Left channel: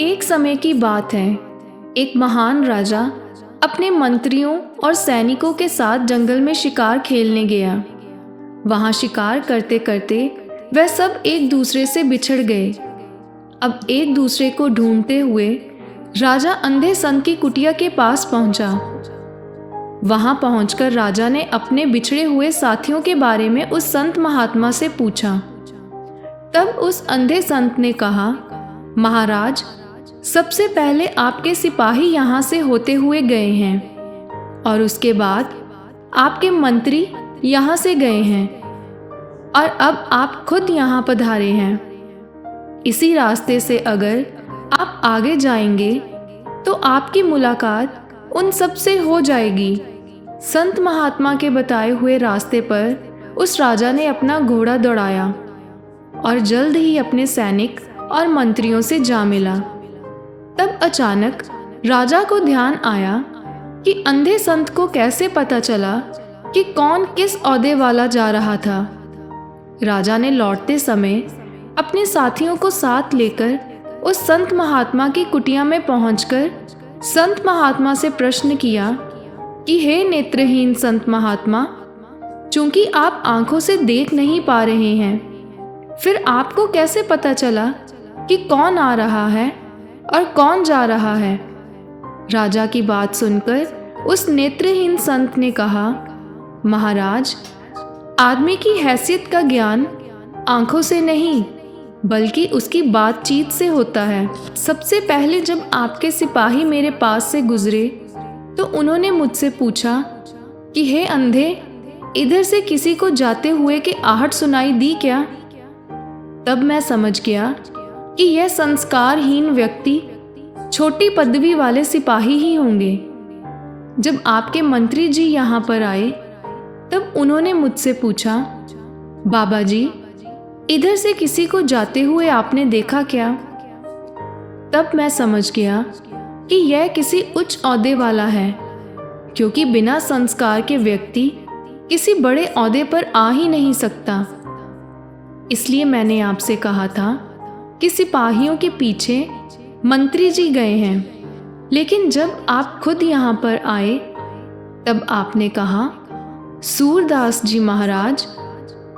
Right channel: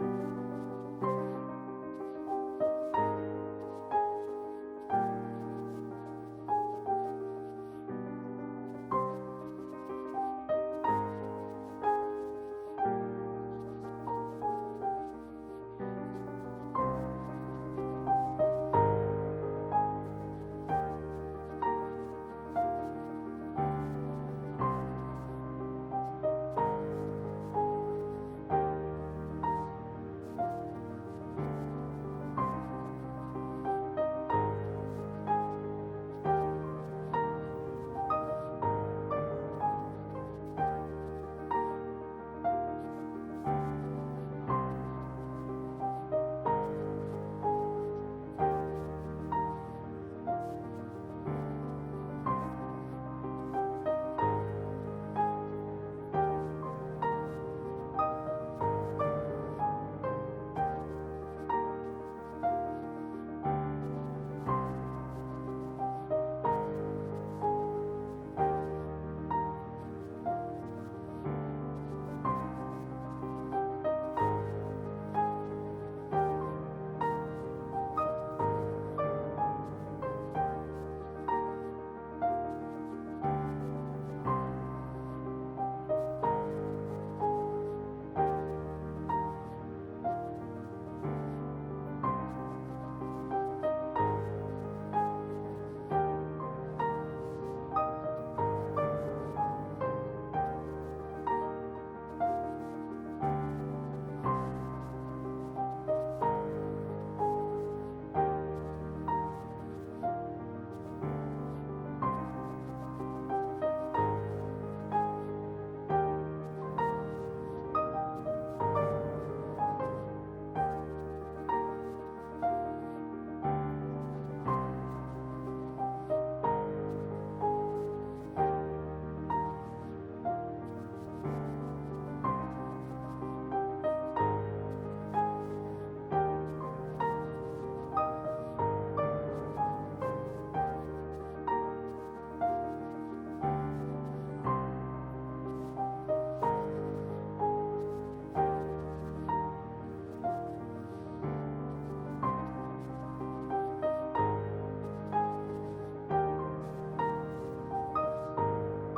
एक समय की बात है। एक महान राजा अपने मंत्रियों और सैनिकों के साथ जंगल में शिकार खेलने गया। वहां शिकार करते करते वह सब एक दूसरे से बिछड़ गए। अब एक दूसरे को ढूंढते हुए राजा अंधे संत की कुटिया के पास पहुंचा। वहां पहुंचकर राजा ने अपने बिछड़े हुए साथियों के बारे में उस संत महात्मा से पूछा। तब उस अंधे संत ने कहा, महाराज, सबसे पहले आपके सिपाही यहाँ से होते हुए गए हैं और उसके बाद आपके मंत्री यहाँ से गए हैं और अब आप खुद यहाँ पधारे हैं। इसी रास्ते से अगर आप आगे जाएंगे तो आपकी मुलाकात उन सब से हो जाएगी। संत महात्मा के बताए हुए रास्ते पर उस राजा ने अपना घोड़ा दौड़ाया और जल्द ही अपने सैनिक और मंत्रियों से जा मिला। तब अचानक राजा को ध्यान आया कि अंधे संत को कैसे पता चला कि कौन किस ओहदे वाला जा रहा था। राजा ने लौटते समय अपने साथियों को साथ लेकर उस संत महात्मा की कुटिया में पहुंचकर संत महात्मा से प्रश्न किया कि हे नेत्रहीन संत महात्मा, चूंकि आप आंखों से देख नहीं पा रहे हैं, फिर आपको कैसे पता चला कि कौन आ रहा है और कौन जा रहा है? राजा की बात सुनकर उस नेत्रहीन संत ने कहा, महाराज, आदमी की हैसियत का ज्ञान आंखों से नहीं बल्कि उसकी बातचीत से होता है। सबसे पहले जब आपके सिपाही मेरे पास से गुजरे तो उन्होंने मुझसे पूछा कि हे अंधे, इधर से किसी को जाते हुए की आहट सुनाई दी क्या? तब मैं समझ गया कि यह संस्कारहीन व्यक्ति छोटी पदवी वाले सिपाही ही होंगे। जब आपके मंत्री जी यहाँ पर आए तब उन्होंने मुझसे पूछा, बाबा जी, इधर से किसी को जाते हुए आपने देखा क्या? तब मैं समझ गया कि यह किसी उच्च ओहदे वाला है, क्योंकि बिना संस्कार के व्यक्ति किसी बड़े ओहदे पर आ ही नहीं सकता। इसलिए मैंने आपसे कहा था कि सिपाहियों के पीछे मंत्री जी गए हैं, लेकिन जब आप खुद यहाँ पर आए तब आपने कहा, सूरदास जी महाराज,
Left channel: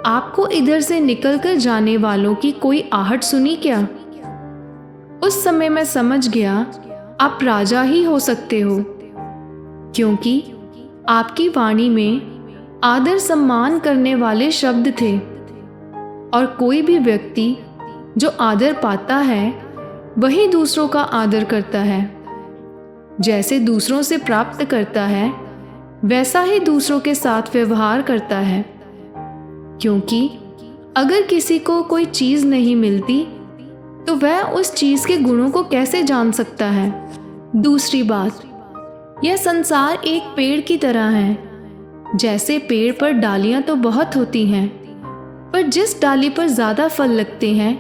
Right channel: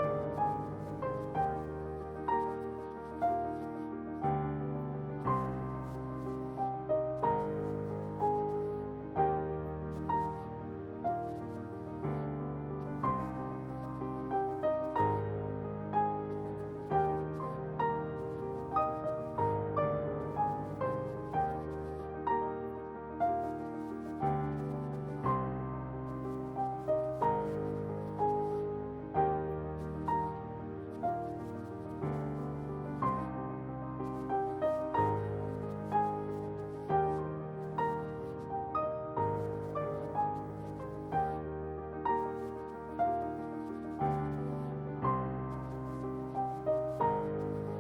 आपको इधर से निकलकर जाने वालों की कोई आहट सुनी क्या? उस समय मैं समझ गया आप राजा ही हो सकते हो, क्योंकि आपकी वाणी में आदर सम्मान करने वाले शब्द थे और कोई भी व्यक्ति जो आदर पाता है वही दूसरों का आदर करता है। जैसे दूसरों से प्राप्त करता है वैसा ही दूसरों के साथ व्यवहार करता है, क्योंकि अगर किसी को कोई चीज़ नहीं मिलती तो वह उस चीज़ के गुणों को कैसे जान सकता है? दूसरी बात, यह संसार एक पेड़ की तरह है। जैसे पेड़ पर डालियां तो बहुत होती हैं, पर जिस डाली पर ज़्यादा फल लगते हैं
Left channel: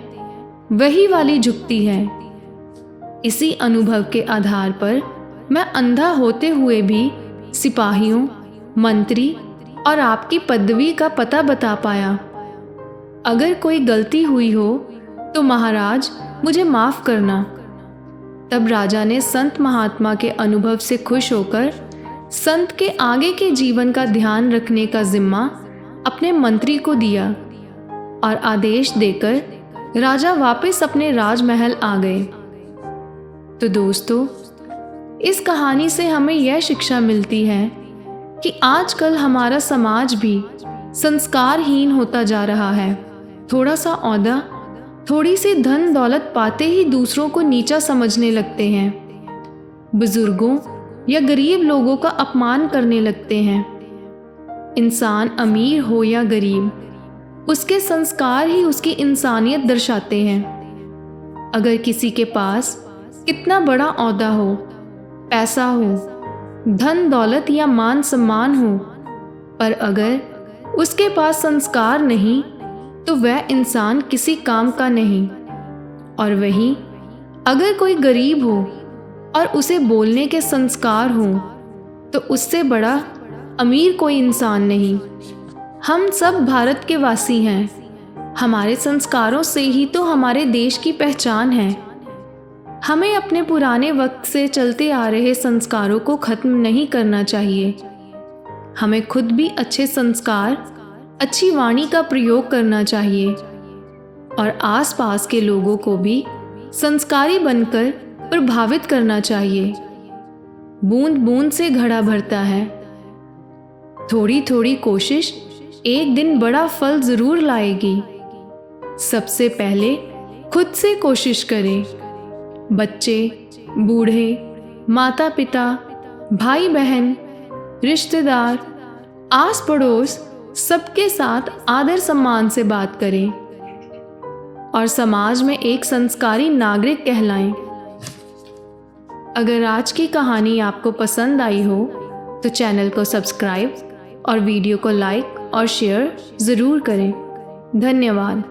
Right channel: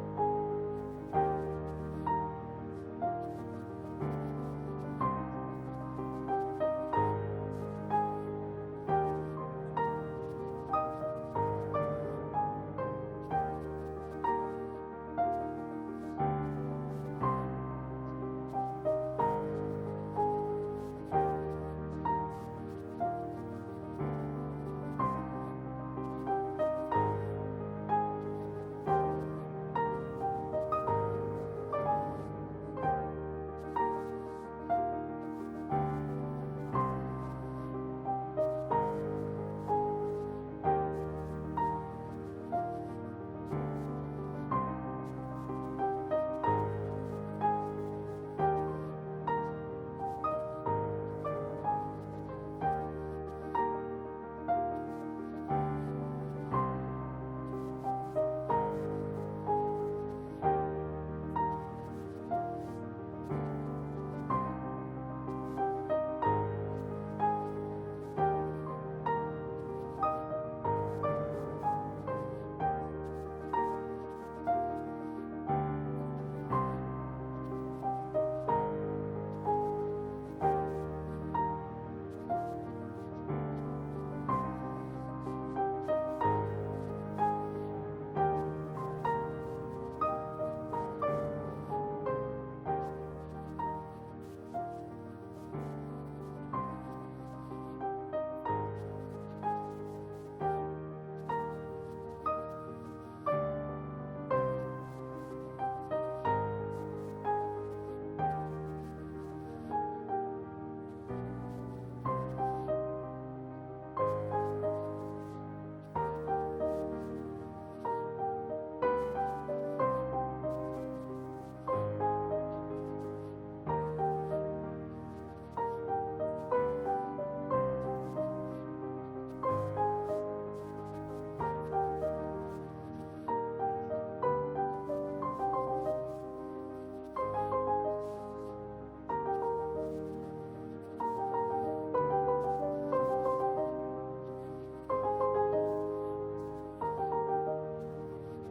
वही वाली झुकती है। इसी अनुभव के आधार पर मैं अंधा होते हुए भी सिपाहियों, मंत्री और आपकी पदवी का पता बता पाया। अगर कोई गलती हुई हो तो महाराज मुझे माफ़ करना। तब राजा ने संत महात्मा के अनुभव से खुश होकर संत के आगे के जीवन का ध्यान रखने का जिम्मा अपने मंत्री को दिया और आदेश देकर राजा वापस अपने राजमहल आ गए। तो दोस्तों, इस कहानी से हमें यह शिक्षा मिलती है कि आजकल हमारा समाज भी संस्कारहीन होता जा रहा है। थोड़ा सा ओहदा, थोड़ी सी धन दौलत पाते ही दूसरों को नीचा समझने लगते हैं। बुजुर्गों या गरीब लोगों का अपमान करने लगते हैं। इंसान अमीर हो या गरीब, उसके संस्कार ही उसकी इंसानियत दर्शाते हैं। अगर किसी के पास कितना बड़ा ओहदा हो, पैसा हो, धन दौलत या मान सम्मान हो, पर अगर उसके पास संस्कार नहीं तो वह इंसान किसी काम का नहीं। और वहीं अगर कोई गरीब हो और उसे बोलने के संस्कार हो तो उससे बड़ा अमीर कोई इंसान नहीं। हम सब भारत के वासी हैं। हमारे संस्कारों से ही तो हमारे देश की पहचान है। हमें अपने पुराने वक्त से चलते आ रहे संस्कारों को खत्म नहीं करना चाहिए। हमें खुद भी अच्छे संस्कार, अच्छी वाणी का प्रयोग करना चाहिए और आसपास के लोगों को भी संस्कारी बनकर प्रभावित करना चाहिए। बूंद बूंद से घड़ा भरता है। थोड़ी थोड़ी कोशिश एक दिन बड़ा फल जरूर लाएगी। सबसे पहले खुद से कोशिश करें। बच्चे, बूढ़े, माता पिता, भाई बहन, रिश्तेदार, आस पड़ोस सबके साथ आदर सम्मान से बात करें और समाज में एक संस्कारी नागरिक कहलाएं। अगर आज की कहानी आपको पसंद आई हो तो चैनल को सब्सक्राइब और वीडियो को लाइक और शेयर ज़रूर करें। धन्यवाद।